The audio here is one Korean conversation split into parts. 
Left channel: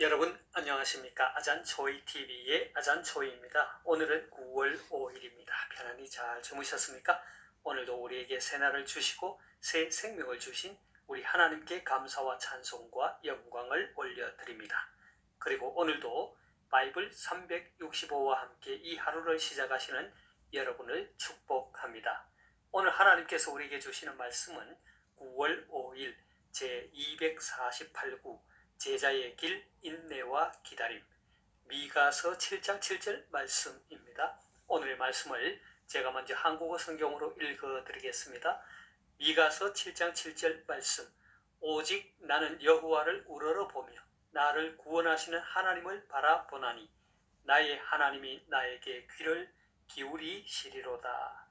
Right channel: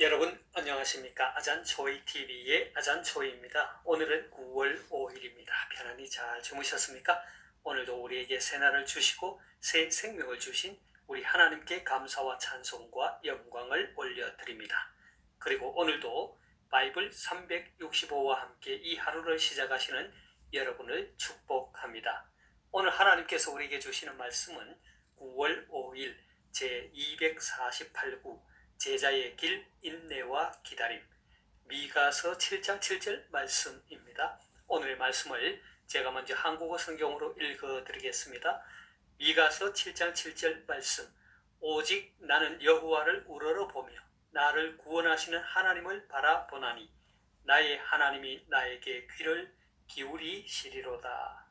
여러분 안녕하십니까? 아잔초이TV의 아잔초이입니다. 오늘은 9월 5일입니다. 편안히 잘 주무셨습니까? 오늘도 우리에게 새날을 주시고 새 생명을 주신 우리 하나님께 감사와 찬송과 영광을 올려드립니다. 그리고 오늘도 바이블 365와 함께 이 하루를 시작하시는 여러분을 축복합니다. 오늘 하나님께서 우리에게 주시는 말씀은 9월 5일 제248구 제자의 길, 인내와 기다림, 미가서 7장 7절 말씀입니다. 오늘의 말씀을 제가 먼저 한국어 성경으로 읽어드리겠습니다. 미가서 7장 7절 말씀. 오직 나는 여호와를 우러러보며 나를 구원하시는 하나님을 바라보나니 나의 하나님이 나에게 귀를 기울이시리로다.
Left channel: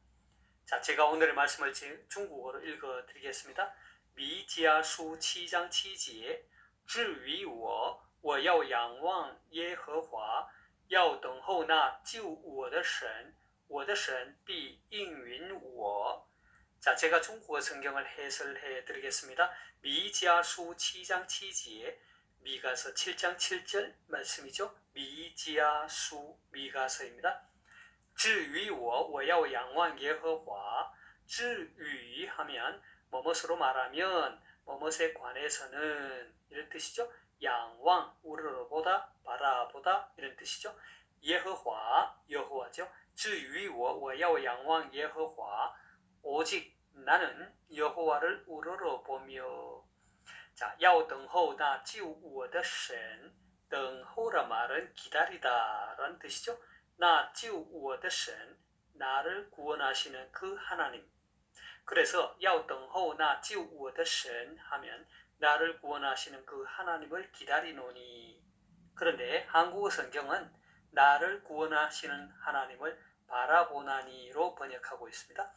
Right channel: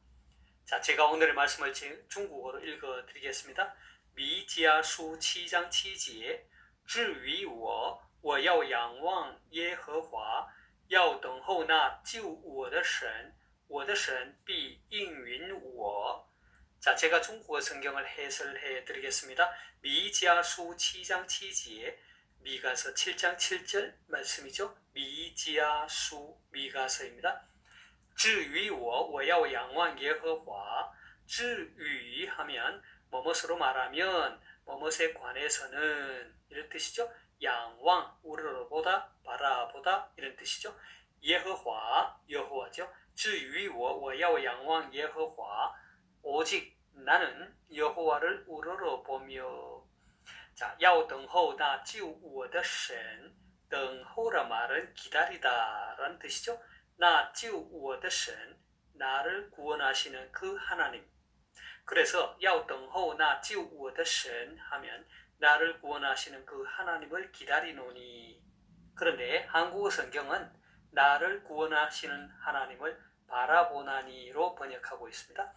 자, 제가 오늘의 말씀을 중국어로 읽어드리겠습니다. 미지아수 7장 7节至于我，我要仰望耶和华，要等候那救我的神，我的神必应允我。 자, 제가 중국어 성경을 해설해 드리겠습니다. 미지아수 7장 7节, 미가서 7장 7절 말씀이죠. 미지아수, 미가서입니다. 至于我，我要仰望耶和华。至于 하면 뭐뭇으로 말하면 뭐뭇에 관해서는 이런 뜻이죠. 양왕, 우러러보다, 바라보다 이런 뜻이죠. 예허화, 여호와죠. 至于我，我要仰望耶和华。 오직 나는 여호와를 우러러보며. 자, 要等候那救我的神. 等候라 말은 기다리다 라는 뜻이죠. 那救我的神, 나를 구원하시는 그 하나님. 그래서 要等候那救我的神 하면 나를 구원하시는 그 하나님을 기다리노니. 그런데 한국어 성경은 나를 구원하시는 하나님을 바라보나니로 번역하고 있습니다.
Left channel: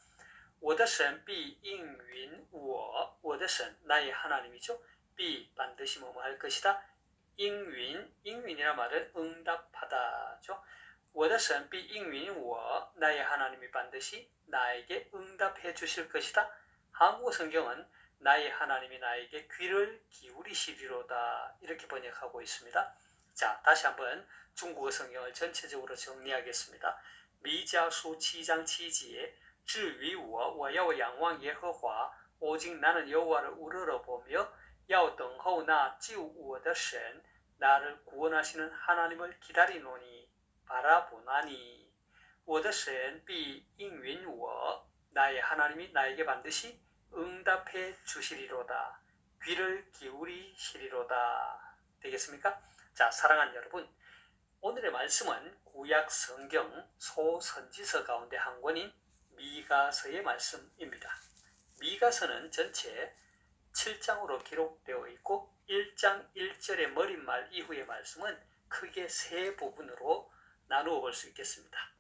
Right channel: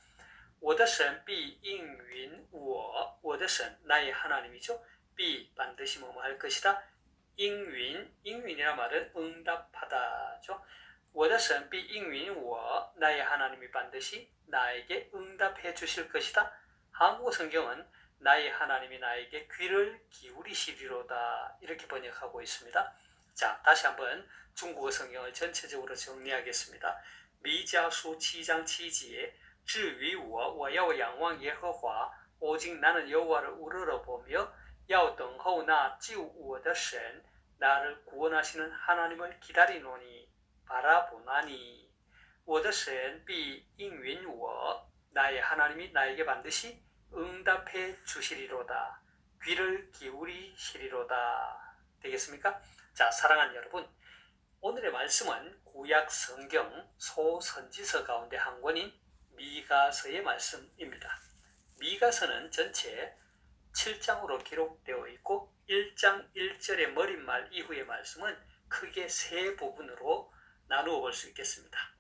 我的神必应允我. 我的神, 나의 하나님이죠. 必 반드시 뭐뭐 할 것이다. 应允,應允이란 말은 응답하다죠. 我的神必应允我, 나의 하나님이 반드시 나에게 응답해 주실 것이다. 한국어 성경은 나의 하나님이 나에게 귀를 기울이시리로다 이렇게 번역하고 있습니다. 자, 다시 한번 중국어 성경을 전체적으로 정리하겠습니다. 미자수 7장 7节, 至于我，我要仰望耶和华， 오직 나는 여호와를 우러러보며 要等候那救我的神, 나를 구원하시는 하나님을 기다리노니, 바라보나니. 我的神必应允我, 나의 하나님이 나에게 반드시 응답해 주시리로다. 귀를 기울이시리로다. 되겠습니까? 자, 사랑하는 여러분, 오늘의 말씀은 구약 성경 소선지서 가운데 한 권인 미가서의 말씀입니다. 미가서는 전체 7장으로 기록되어 있고 1장 1절의 머릿말 이후의 말씀은 크게 세 부분으로 나누어 볼 수 있겠습니다.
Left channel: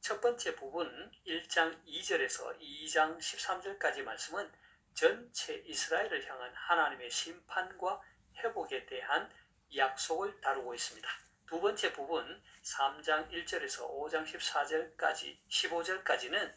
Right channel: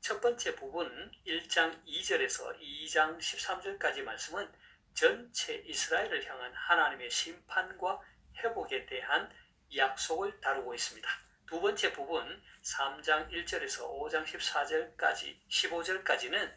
첫 번째 부분 1장 2절에서 2장 13절까지 말씀은 전체 이스라엘을 향한 하나님의 심판과 회복에 대한 약속을 다루고 있습니다. 두 번째 부분 3장 1절에서 5장 14절까지 15절까지는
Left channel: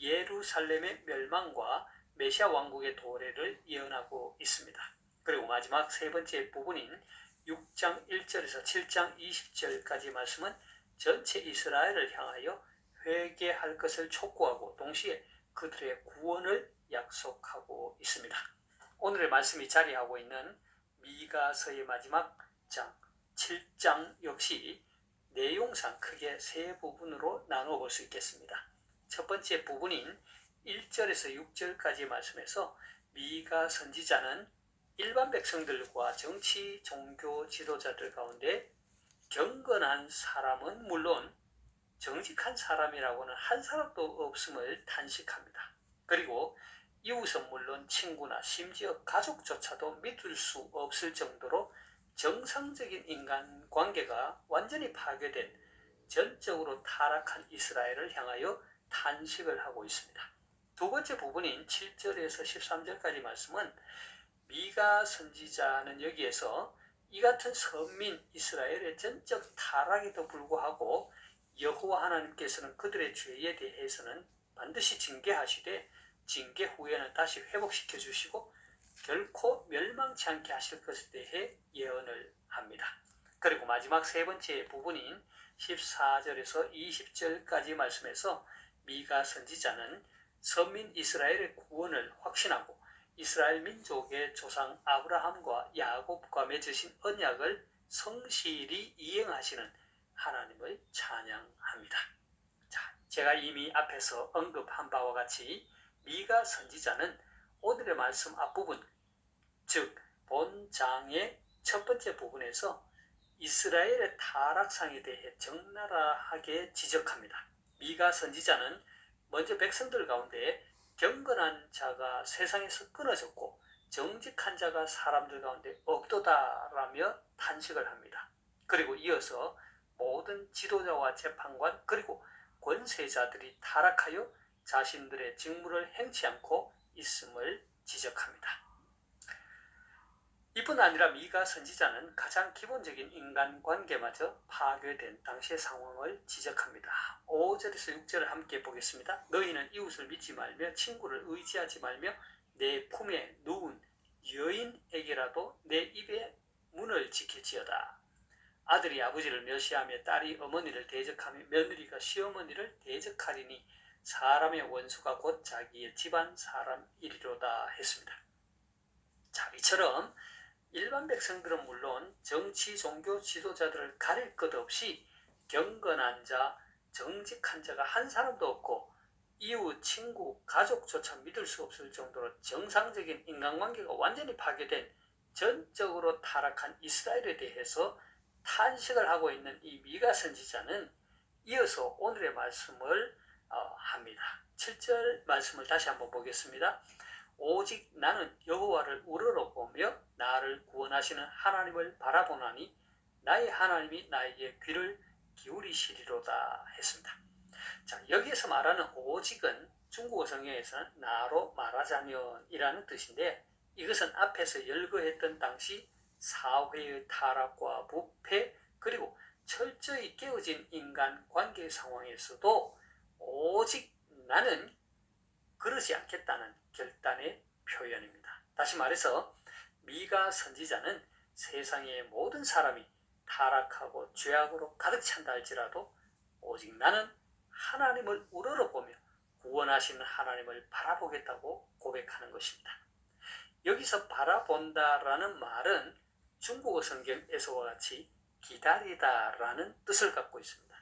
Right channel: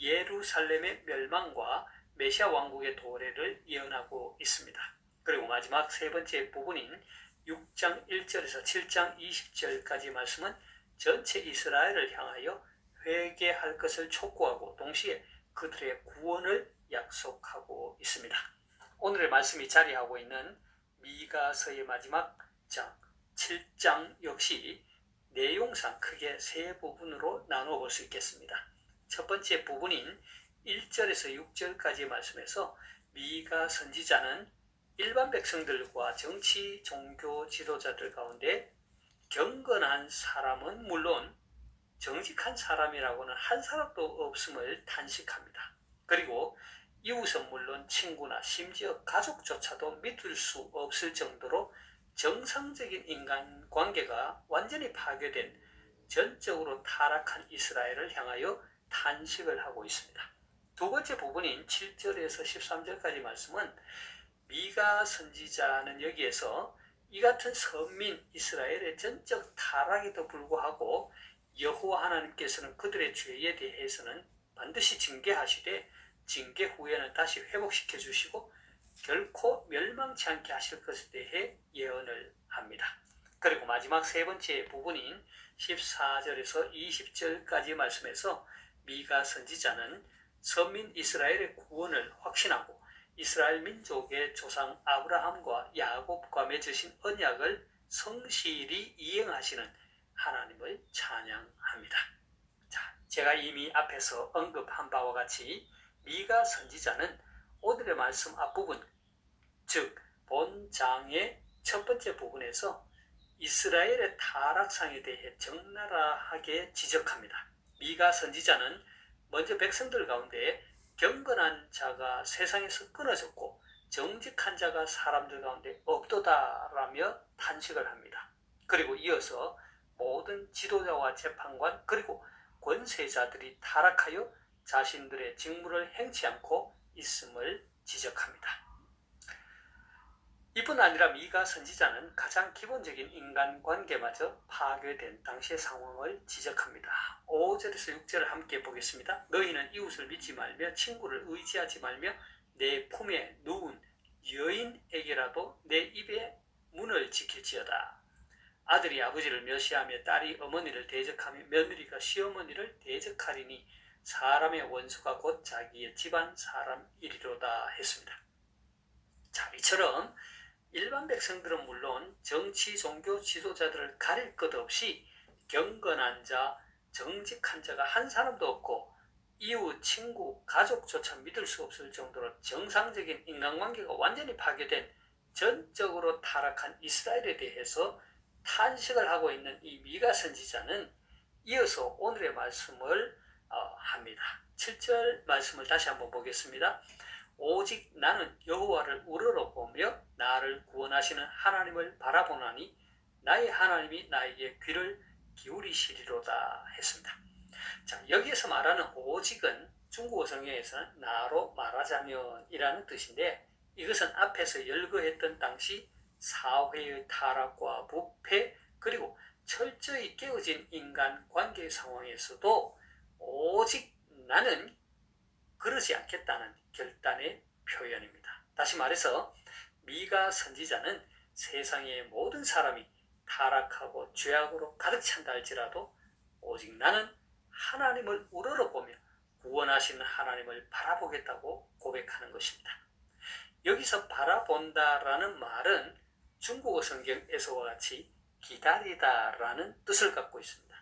예루살렘의 멸망과 메시아 왕국의 도래를 예언하고 있습니다. 그리고 마지막 세 번째 부분인 6장 1절에서 7장 20절까지 말씀은 전체 이스라엘을 향하여 회개할 것을 촉구하고 동시에 그들의 구원을 약속하고 있습니다. 오늘의 말씀이 자리하고 있는 미가서의 마지막 장 7장 역시 내용상 크게 세 부분으로 나누어 볼 수 있겠습니다. 첫 번째 부분인 1절에서 6절까지 말씀에서 미가 선지자는 일반 백성들과 정치, 종교 지도자들 가운데 경건한 사람은 물론 정직한 사람이라고는 한 사람도 없음을 탄식합니다. 그리고 이웃은 물론 친구나 심지어 가족조차도 믿을 수 없을 정도로 정상적인 인간관계가 완전히 파괴된 전적으로 타락한 이스라엘을 향하여 탄식을 하고 있습니다. 두 번째 부분인 7절에서 13절까지 말씀은 미가 선지자는 여기에서 이 같은 선민 이스라엘의 전적 타락에도 불구하고 여호와 하나님께서는 그들의 죄에 대해서는 반드시 징계하시되 징계 후에는 다시 회복시켜 주시고 결코 멸망치 않게 하실 것에 대해 예언을 합니다. 그리고 마지막 세 번째 부분인 14절에서 20절까지 말씀에서 미가 선지자는 선민 이스라엘의 구원을 확신하고 이스라엘 민족의 조상 아브라함과 야곱과 맺으신 언약을 성실히 이행하시는 하나님을 찬양합니다. 자, 제가 이미 앞에서 언급한 바와 같이 미가 선지자는 오늘의 말씀 앞부분, 즉 본장의 첫 번째 부분에서 이스라엘의 타락상에 대해 적나라하게 지적합니다. 미가 선지자는 먼저 백성들 가운데 경건한 자가 세상에서 끊어졌고 정직한 자가 사람들 가운데 없도다라며 탄식을 합니다. 그리고 이어서 모든 지도자와 재판관 그리고 권세자들이 타락하여 자신들의 직무를 행치 않고 있음을 지적합니다. 이뿐 아니라 미가 선지자는 가장 기본적인 인간관계마저 파괴된 당시의 상황을 지적합니다. 5절에서 6절을 함께 보겠습니다. 너희는 이웃을 믿지 말며 친구를 의지하지 말며 내 품에 누운 여인에게라도 내 입의 문을 지킬지어다. 아들이 아버지를 멸시하며 딸이 어머니를 대적하며 며느리가 시어머니를 대적하리니 사람의 원수가 곧 자기의 집안 사람이리로다 했습니다. 자, 이처럼 일반 백성들은 물론 정치, 종교 지도자들을 가릴 것 없이 경건한 자, 정직한 자가 한 사람도 없고 이웃, 친구, 가족조차 믿을 수 없을 정도로 정상적인 인간관계가 완전히 파괴된 전적으로 타락한 이스라엘에 대해서 탄식을 하고 있는 이 미가 선지자는 이어서 오늘의 말씀을 합니다. 7절 말씀을 다시 한번 보겠습니다. 오직 나는 여호와를 우러러보며 나를 구원하시는 하나님을 바라보나니 나의 하나님이 나에게 귀를 기울이시리로다 했습니다. 자, 여기에서 말하는 오직은 중국어 성경에서는 나로 말하자면 이라는 뜻인데 이것은 앞에서 열거했던 당시 사회의 타락과 부패 그리고 철저히 깨어진 인간관계 상황에서도 오직 나는 그러지 않겠다는 결단의 표현입니다. 다시 말해서 미가 선지자는 세상의 모든 사람이 타락하고 죄악으로 가득 찬다 할지라도 오직 나는 하나님을 우러러보며 구원하시는 하나님을 바라보겠다고 고백하는 것입니다. 여기서 바라본다라는 말은 중국어 성경에서와 같이 기다리다라는 뜻을 갖고 있습니다.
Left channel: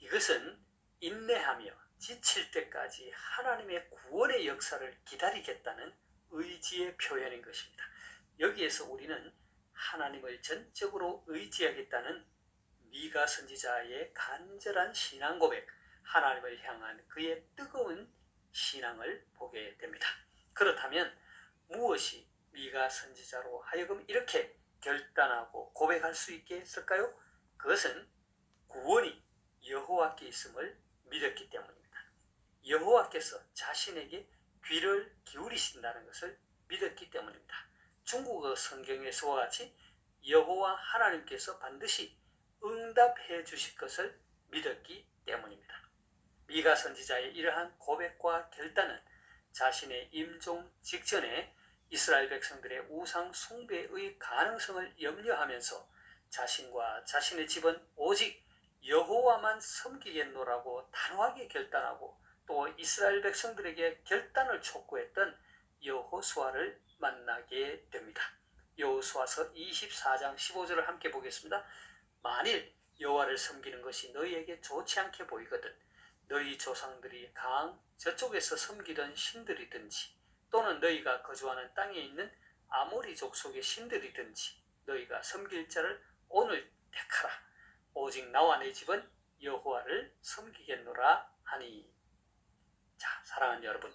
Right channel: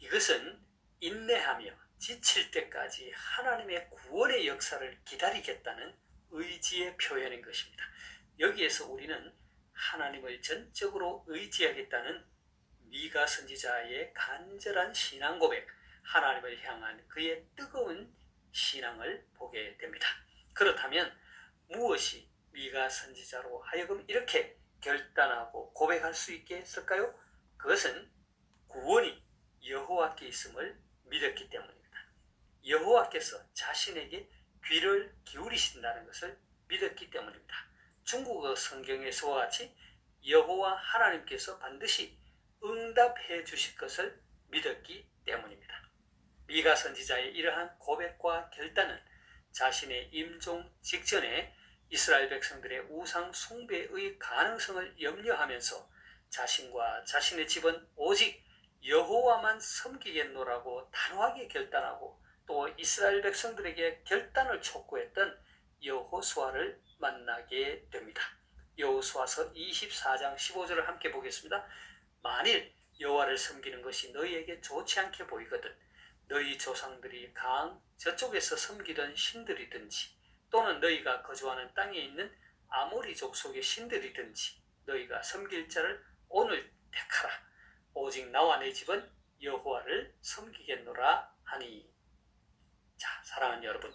이것은 인내하며 지칠 때까지 하나님의 구원의 역사를 기다리겠다는 의지의 표현인 것입니다. 여기에서 우리는 하나님을 전적으로 의지하겠다는 미가 선지자의 간절한 신앙 고백, 하나님을 향한 그의 뜨거운 신앙을 보게 됩니다. 그렇다면 무엇이 미가 선지자로 하여금 이렇게 결단하고 고백할 수 있게 했을까요? 그것은 구원이 여호와께 있음을 믿었기 때문입니다. 여호와께서 자신에게 귀를 기울이신다는 것을 믿었기 때문입니다. 중국어 성경에서와 같이 여호와 하나님께서 반드시 응답해 주실 것을 믿었기 때문입니다. 미가 선지자의 이러한 고백과 결단은 자신의 임종 직전에 이스라엘 백성들의 우상 숭배의 가능성을 염려하면서 자신과 자신의 집은 오직 여호와만 섬기겠노라고 단호하게 결단하고 또 이스라엘 백성들에게 결단을 촉구했던 여호수아를 만나게 됩니다. 여호수아서 24장 15절을 함께 보겠습니다. 만일 여호와를 섬기는 것이 너희에게 좋지 않게 보이거든 너희 조상들이 강 저쪽에서 섬기던 신들이든지 또는 너희가 거주하는 땅에 있는 아모리 족속의 신들이든지 너희가 섬길 자를 오늘 택하라. 오직 나와 내 집은 여호와를 섬기겠노라 하니. 자, 사랑하는 여러분,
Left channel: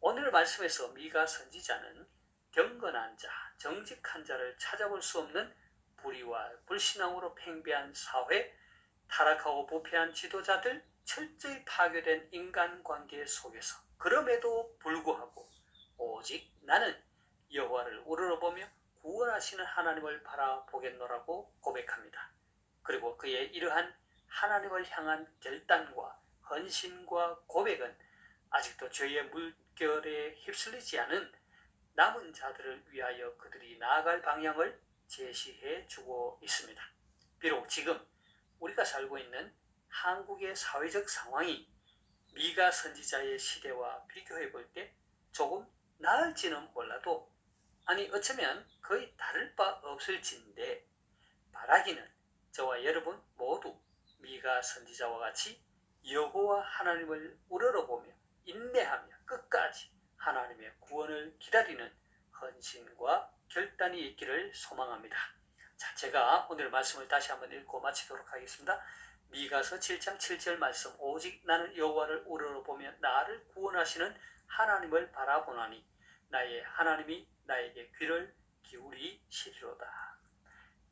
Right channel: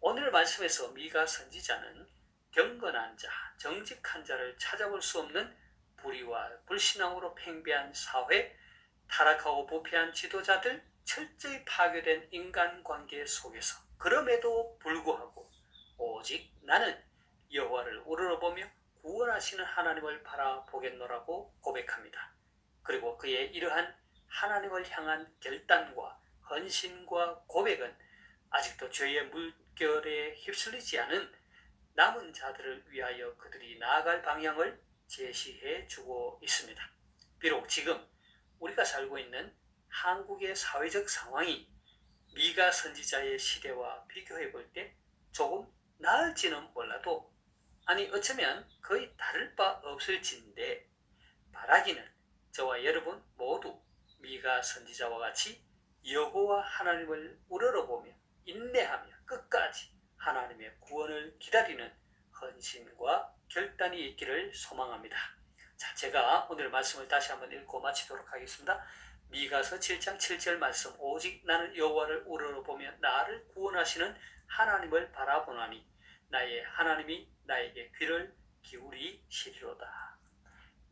오늘 말씀에서 미가 선지자는 경건한 자, 정직한 자를 찾아볼 수 없는 불의와 불신앙으로 팽배한 사회, 타락하고 부패한 지도자들, 철저히 파괴된 인간관계 속에서 그럼에도 불구하고 오직 나는 여호와를 우러러보며 구원하시는 하나님을 바라보겠노라고 고백합니다. 그리고 그의 이러한 하나님을 향한 결단과 헌신과 고백은 아직도 죄의 물결에 휩쓸리지 않은 남은 자들을 위하여 그들이 나아갈 방향을 제시해 주고 있습니다. 비록 지금 우리가 살고 있는 한국의 사회적 상황이 미가 선지자의 시대와 비교해 볼 때 조금 나을지는 몰라도, 아니 어쩌면 거의 다를 바 없을진데, 바라기는 저와 여러분 모두 미가 선지자와 같이 여호와 하나님을 우러러보며 인내하며 끝까지 하나님의 구원을 기다리는 헌신과 결단이 있기를 소망합니다. 자, 제가 오늘 말씀을 다시 한번 읽고 마치도록 하겠습니다. 미가서 7장 7절 말씀. 오직 나는 여호와를 우러러보며 나를 구원하시는 하나님을 바라보나니 나의 하나님이 나에게 귀를 기울이시리로다.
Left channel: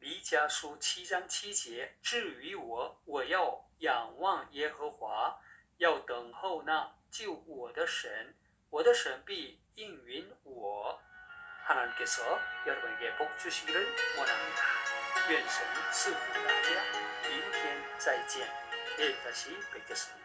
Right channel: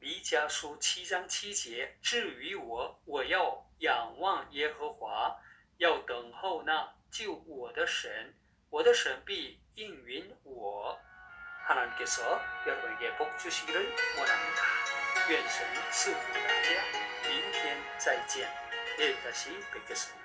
弥迦书7章7节，至于我，我要仰望耶和华，要等候那救我的神，我的神必应允我。 하나님께서 여러분에게 복 주시기를 원합니다. 愿神赐福大家，明天再见，내일 다시 뵙겠습니다.